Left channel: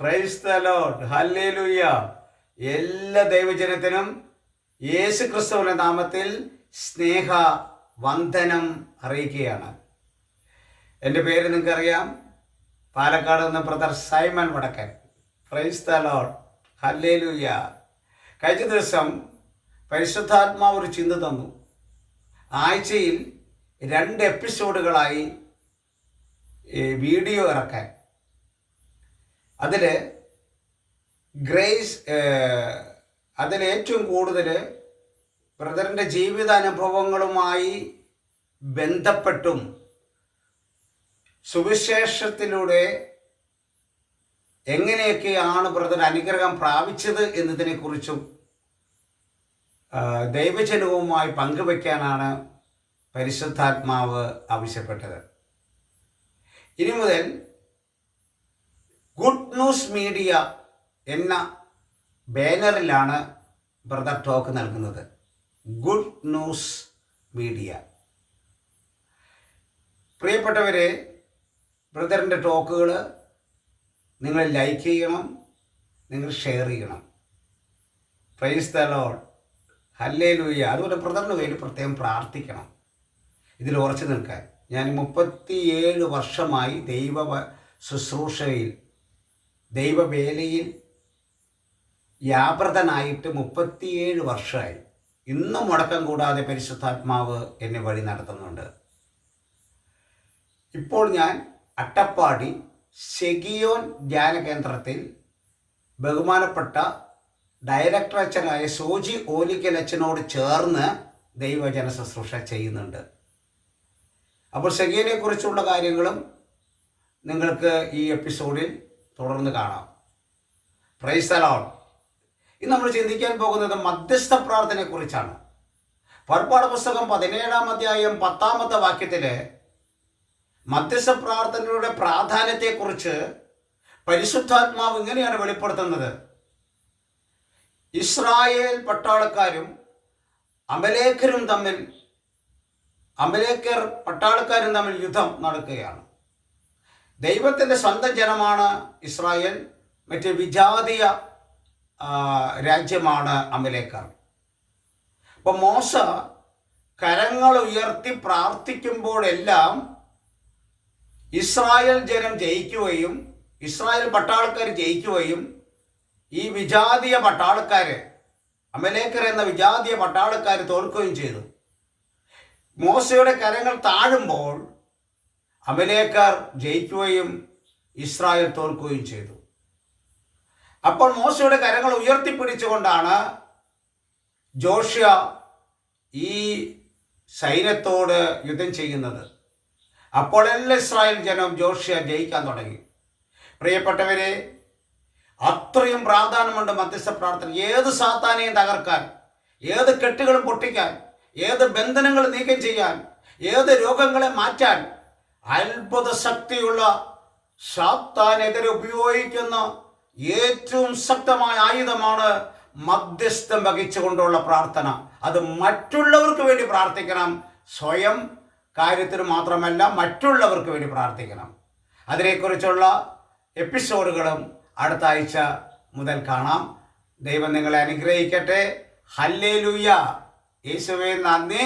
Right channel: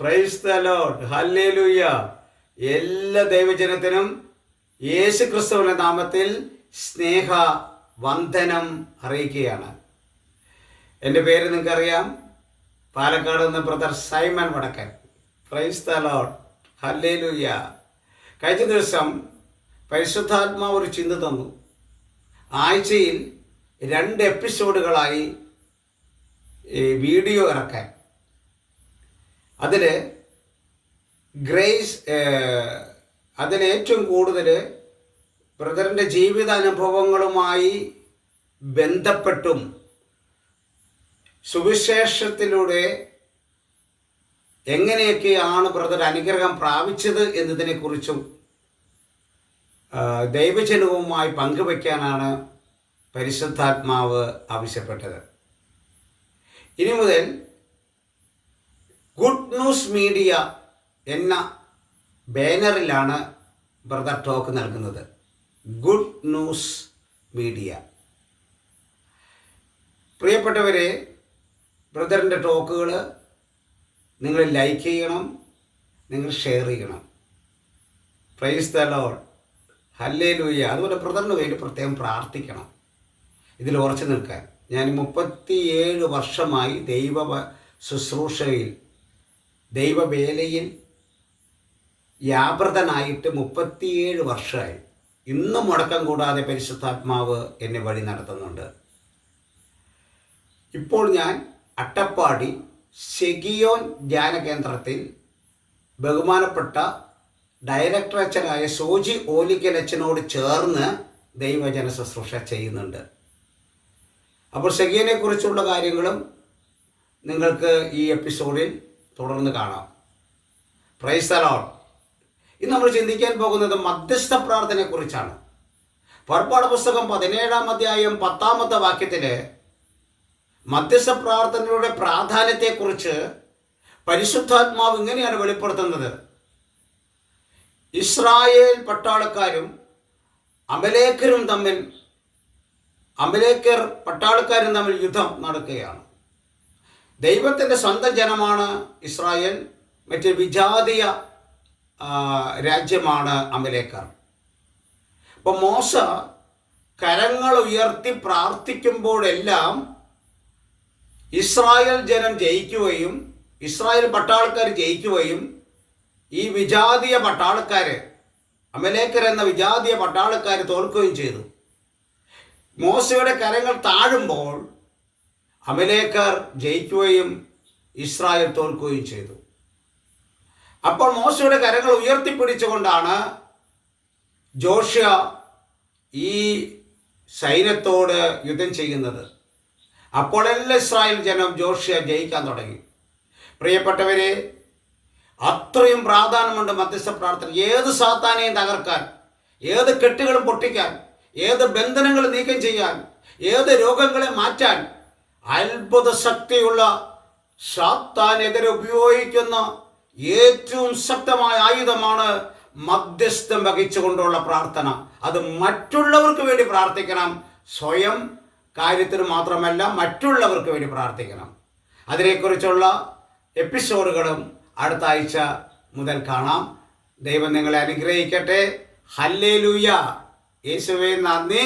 Praise the Lord. Hallelujah. എല്ലാ ദൈവജനത്തിനും യേശു ക്രിസ്തുവിന്റെ നാമത്തിൽ സ്നേഹ വന്ദനം അറിയിക്കുകയാണ്. എൻ്റെ പേര് നിങ്ങൾക്കറിയാം, പാലക്കാട് നിന്ന് ബ്രദർ സൈമൺ വടക്കൻ. Praise the Lord. ഹല്ലേലൂയ. കഴിഞ്ഞ ദിവസം പരിശുദ്ധാത്മാവ് ഒരു ചിന്ത തന്നു. ആഴ്ചയിൽ 2 എപ്പിസോഡുകളായി വീഡിയോ ഇറക്കാൻ. അതിലേറ്റവും കൂടുതൽ ബ്രദറിൻ്റെ ജീവിതാനുഭവങ്ങളുമായി ബന്ധപ്പെട്ടും സുവിശേഷത്തിലൂടെ എങ്ങനെയൊക്കെയാണ് ബ്രദർ അനുഗ്രഹം പ്രാപിച്ചത് എന്നതിനെക്കുറിച്ചും ദൈവജനവുമായി പങ്കുവയ്ക്കാനാണ് പരിശുദ്ധാത്മാവ് ആവശ്യപ്പെട്ടത്. ഇനി മുതൽ ഗുഡ് ന്യൂസ് മീഡിയ എന്ന ബാനറിലാണ് ബ്രദർ ടോക്ക് നൽകുന്നത്. Good news media. പ്രിയപ്പെട്ടവരെ, ബ്രദറിൻ്റെ ടോക്കുകൾ നിങ്ങൾ ലൈക്ക് ചെയ്യണം, നിങ്ങൾ ഷെയർ ചെയ്യണം. Praise the Lord. ഹല്ലേലൂയ. അതുപോലെ ബ്രദറിന് വേണ്ടി പ്രത്യേകം പ്രാർത്ഥിക്കണം. ഇതിൽ ഉറച്ചു നിൽക്കാൻ. ഞാൻ 37 വർഷമായി ശുശ്രൂഷയിൽ ദൈവവേലയിൽ വ്യാപൃതനായിട്ട് 37 വർഷമായി. ഇന്നും മുടക്കം കൂടാതെ പരിശുദ്ധാത്മാവ് എന്നെ വഴി നടത്തുന്നുണ്ട്. ഇപ്പോൾ ഞാൻ അട്ടപ്പാടി സെഗിയോൻ ധ്യാന കേന്ദ്രത്തിൽ ബഹുമാനപ്പെട്ട ഡയറക്ടർ അച്ഛനായ സോജി ഓലിക്കൽ അച്ഛനോട് ചേർന്ന് ദൈവജന ശുശ്രൂഷ ചെയ്യുന്നുണ്ട്. അപ്പോൾ സെഗിയനെ കുറിച്ചുള്ള കാര്യങ്ങളും നിങ്ങൾക്ക് ഈ എപ്പിസോഡിൽ തുടർന്ന് കാണാം. Praise the Lord. ഇന്ന് നമ്മൾ ചിന്തിക്കാൻ പോകുന്നത് മധ്യസ്ഥ പ്രാർത്ഥനയെക്കുറിച്ചാണ്. പുറപ്പാട് പുസ്തകം 17-ാം അധ്യായം 10-ാമത്തെ വാക്യത്തിൽ മധ്യസ്ഥ പ്രാർത്ഥനയുടെ പ്രാധാന്യത്തെക്കുറിച്ച് പരിശുദ്ധാത്മാവ് ഇങ്ങനെയാണ് വെളിപ്പെടുത്തുന്നത്. ഇസ്രായേൽ പട്ടാളക്കാരും അമലേക്കരും തമ്മിൽ യുദ്ധം നടക്കുകയാണ്. ദൈവത്തിൻ്റെ സ്വന്തം ജനമാണ് ഇസ്രായേൽ, മറ്റ് വിജാതീയ രാജ്യമാണ് അമലേക്കർ. അപ്പോൾ മോശ കരങ്ങൾ ഉയർത്തി പ്രാർത്ഥിക്കുമ്പോഴെല്ലാം ഇസ്രായേൽ ജനം ജയിക്കുകയും ഇസ്രായേൽ പട്ടാളക്കാർ ജയിക്കുകയും ഈ വിജാതീയ പട്ടാളക്കാർ, അമലേക്കർ എന്ന വിജാതീയ പട്ടാളക്കാർ തോൽക്കുകയും ചെയ്തു. മോശയുടെ കരങ്ങൾ താഴുമ്പോൾ അമലേക്കർ ജയിക്കുകയും ഇസ്രായേൽ തോൽക്കുകയും ചെയ്തു. അപ്പോൾ മോശയുടെ കരങ്ങൾ ഉയർത്തിപ്പിടിച്ചുകൊണ്ടാണ് ജോഷ്യ ഈ സൈന്യത്തോട് യുദ്ധം ചെയ്യുന്നത്. അപ്പോഴെല്ലാം ഇസ്രായേൽ ജനം ജോഷ്യ ജയിക്കാൻ തുടങ്ങി. പ്രിയപ്പെട്ടവരെ, അത്രയും പ്രാധാന്യമുണ്ട് മധ്യസ്ഥ പ്രാർത്ഥന. ഏത് സാത്താനെയും തകർക്കാൻ, ഏത് കെട്ടുകളും പൊട്ടിക്കാൻ, ഏത് ബന്ധനങ്ങൾ നീക്കം ചെയ്യാൻ, ഏത് രോഗങ്ങളെ മാറ്റാൻ അത്ഭുത ശക്തിയുള്ള സാത്താനെതിരെ ഉപയോഗിക്കുന്ന ഏറ്റവും ശക്തമായ ആയുധമാണ് മധ്യസ്ഥം വഹിച്ചുകൊണ്ടുള്ള പ്രാർത്ഥന. അത് മറ്റുള്ളവർക്ക് വേണ്ടി പ്രാർത്ഥിക്കണം, സ്വയം കാര്യത്തിന് മാത്രമല്ല മറ്റുള്ളവർക്ക് വേണ്ടി പ്രാർത്ഥിക്കണം. അതിനെക്കുറിച്ചുള്ള എപ്പിസോഡുകളും അടുത്ത ആഴ്ച മുതൽ കാണാം. ദൈവം നിങ്ങളെ അനുഗ്രഹിക്കട്ടെ. ഹല്ലേലൂയ. യേശുവേ നന്ദി.